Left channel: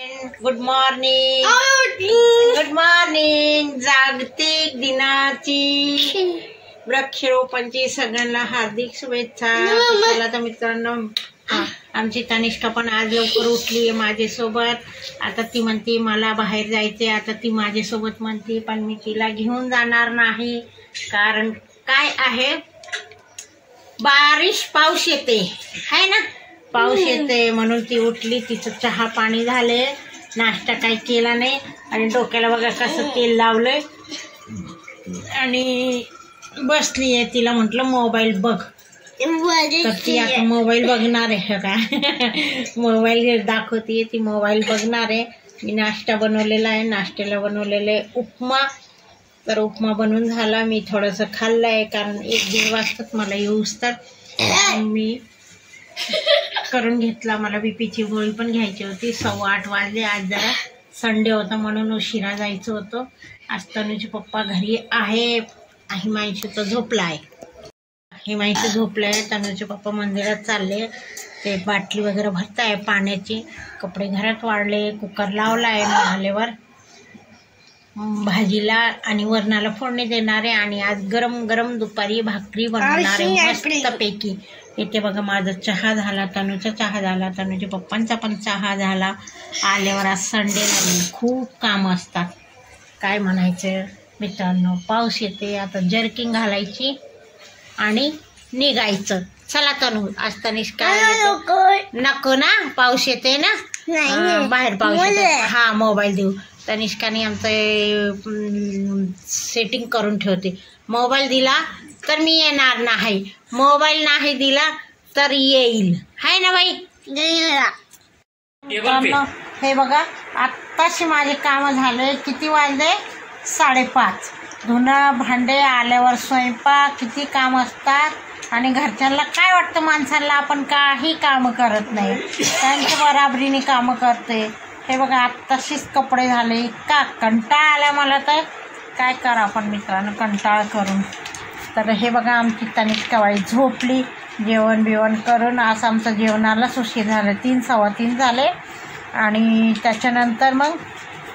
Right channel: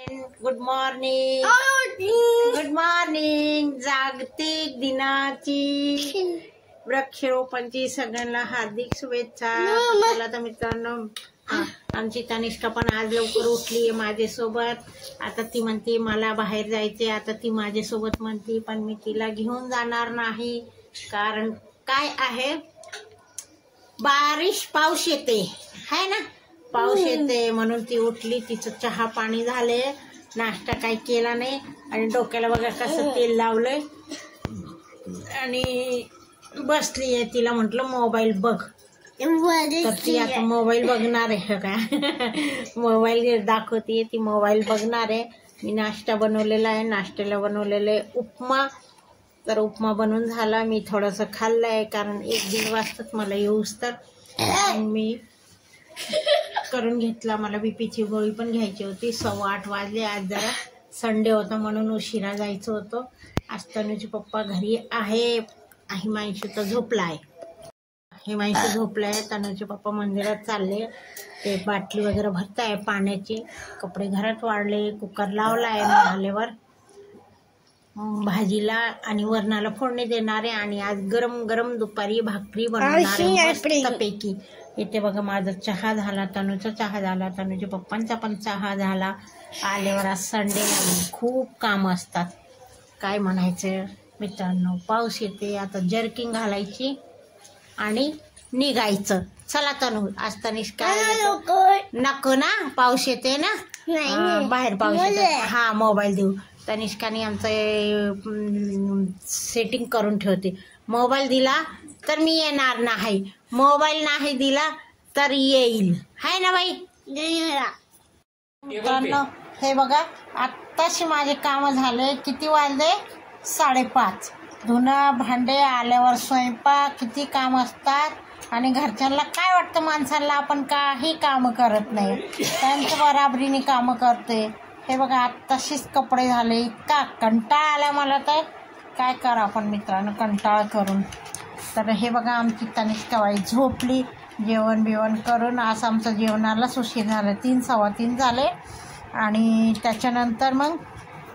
Good morning. Good morning. जागतिक दिनाची वृक्षारोपणची सगळ्यांना हार्दिक शुभेच्छा. चला तर मित्रांनो, आमची तनिष्का पण आज लवकर उठली आहे माझ्यासोबत. आता ती म्हणते मला बाहेर जायचे. आता ती माझ्यासोबत म्हणते, पण मी तिला घेऊन जाणार नाही. कारण काय आहे, पाऊस येते है ना, पाऊस येते म्हणून ती उठली. तिचं चहा पाणी झाले, नाश्ता काही केला नाही आणि डोक्याला बघा कसं तेल लावलंय आणि बसली आहे. तिला म्हटलं मोबाईल बघ, तर ती आता मोबाईल बघणार आहे का मोबाईल दाखवते, ती मोबाईल बघणार आहे. मी नाश्ता बनवलेला आहे, नाश्त्याला बनवलेलं आहे उपमा. तर उपमा बनवून झाला, मी थोडंसं खाल्लं आहे कारण 1-1.5 वाजताच मला येऊस तर मी करून घेतला. मला बीपीची गोळी पण घ्यायची होती. 7:15 वाजले. आज जरा संडे होता म्हणून उशिरा जायचं होतं. आज तनुचे पप्पा घरी आहे. हिमांशू तर झोपला आहे. हिमांशू झोपलाय. तनुचे पप्पा मंदिरात चालले. ते बाटली वगैरे भरताय पाण्याची. कपडे घरात वाढले. कुकर लावला आहे झाल्यावर भाजीला आणि वरणाला फोडणी देणार आहे. आणि आज गरम गरम दुपारी भाकरी बनवणार आहे मस्तपैकी. इथे बघा माझा चहा झाला, तनुचा चहा झाला, तनुच्या पप्पांचा पण चहा झाला. आल्यावर आज संडे खूप काम असतात. काय म्हणायचं मित्रांनो, पाऊस येते. आता जर्किंग घालायची आणि निघायचं. चला तनु, आज तनिष्का नको ना, पाऊस येते ना बाहेर, पाऊस येते. हा मोबाईल देऊ. तनिष्काने आमचं सेटिंग करून ठेवते. मोबाईल दिला तर मी येणार नाही, मोबाईल नाही दिला तर येईल, हाय ना बाई. हे बघा आत्ताशी माझे काम झाले. किती वाजले? 5:30. धुणं भांडे, आल्यावर स्वयंपाक, किती काम असतात. आणि घरच्यांना काय वाटतं माणसाला आपण काही कामं करत नाही, त्यांच्या बराबरीने कामं करते. हे बघा आत्ताशीच कपडे झाले. इतका कंटाळा आला मला, तर काय करा आपण मित्रांनो कंटाळा करून. तर हे बघा आमची तनिष्काबाई झोपली. जेवण बिवण करून आज आमचं जेवणालाच उशीर झाला. 3-3:15 झाले. आणि त्याच्यानंतर मग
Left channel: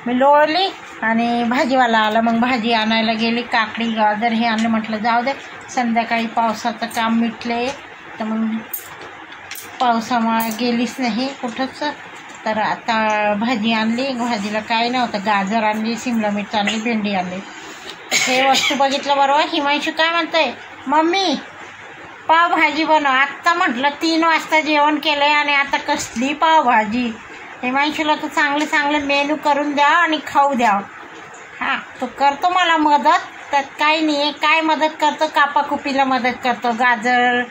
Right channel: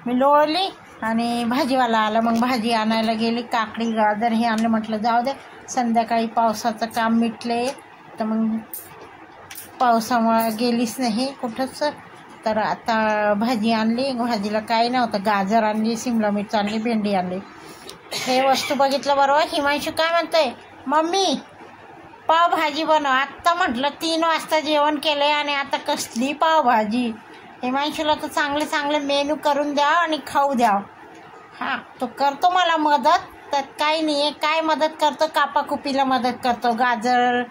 मी लोळली आणि भाजीवाला आला. मग भाजी आणायला गेली. काकडी गाजर हे आणले. म्हटलं जाऊ दे, संध्याकाळी पावसाचं काम मिटले. तर मग पावसामुळे गेलीच नाही कुठंच. तर आता भाजी आणली. भाजीला काय नव्हतं, गाजर आणली, शिमला मिरची आणली, भेंडी आणली. हे वस्तू बघितलं बरोबर. हिमांशू काय म्हणतोय, मम्मी पावभाजी बनव. आत्ता म्हटलं 3 वाजता जेवण केलंय आणि आता कसली पावभाजी. हिमांशूला तर चांगले चांगले मेनू करून द्या आणि खाऊ द्या. हां, तो करतो मला मदत, त्यात काही नाही आहे. काय मदत करतो, कापाकुपीला मदत करतो. गाजर,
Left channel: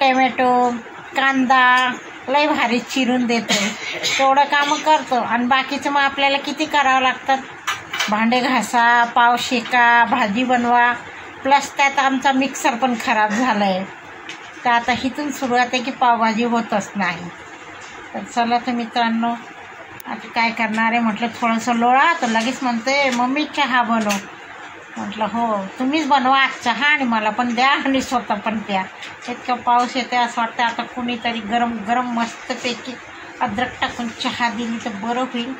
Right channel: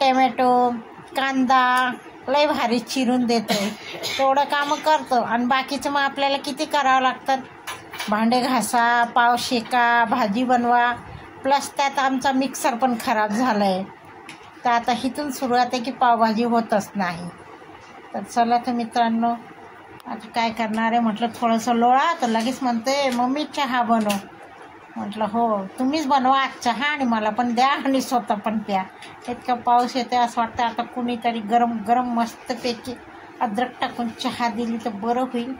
टमॅटो, कांदा लय भारी चिरून देतो. तेवढं कामं करतो. आणि बाकीचं मग आपल्याला किती करावं लागतात. भांडे घासा, पाव शेका, भाजी बनवा. प्लस त्यात आमचा मिक्सर पण खराब झाला आहे. तर आता इथून सुरुवात आहे की पावभाजी होतच नाही. तर चला तर मित्रांनो, आता काय करणार आहे म्हटलं थोडंसं लोळा. तर लगेच म्हणते मम्मी चहा बनव. म्हटलं हो, तुम्हीच बनवा चहा आणि मला पण द्या आणि स्वतः पण प्या. इतका पाऊस येते, असं वाटतं आता कुणीतरी गरम गरम मस्तपैकी अद्रक टाकून चहा दिली तर बरं होईल.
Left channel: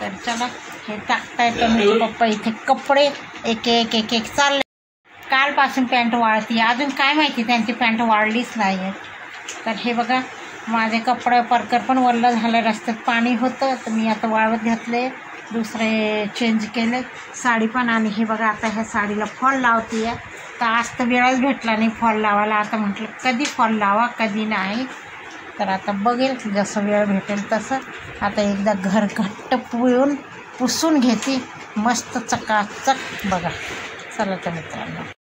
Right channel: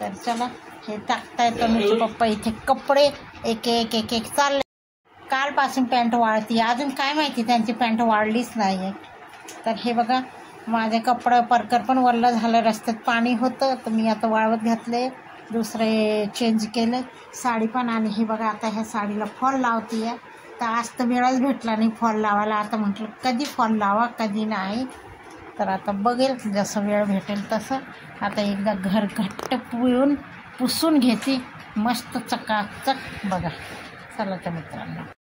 तर चला, हे टाकता येतं म्हणजे पप्पा इथे कपडे एक एक एक एक चालले. कालपासून पॅन्ट वाळती, अजून काय माहिती त्यांची पॅन्ट वाळलीच नाही आहे. तर हे बघा माझे कपडे परकर पण वल्लं झालं, रस्त्यात पाणी होतं. तर मी आता वाळवत घातले, दुसरे चेंज केले साडी पण. आणि हे बघा आता ह्या साडीला फॉल लावते आहे. तर आज तर वेळच भेटला नाही फॉल लावायला. आता म्हटलं कधी फॉल लावा कधी नाही. तर आता बघेल जसं वेळ भेटेल तसं. आता एकदा घर घट्ट पुसून घेते मस्त चकाचक. बघा चला तर मित्रांनो.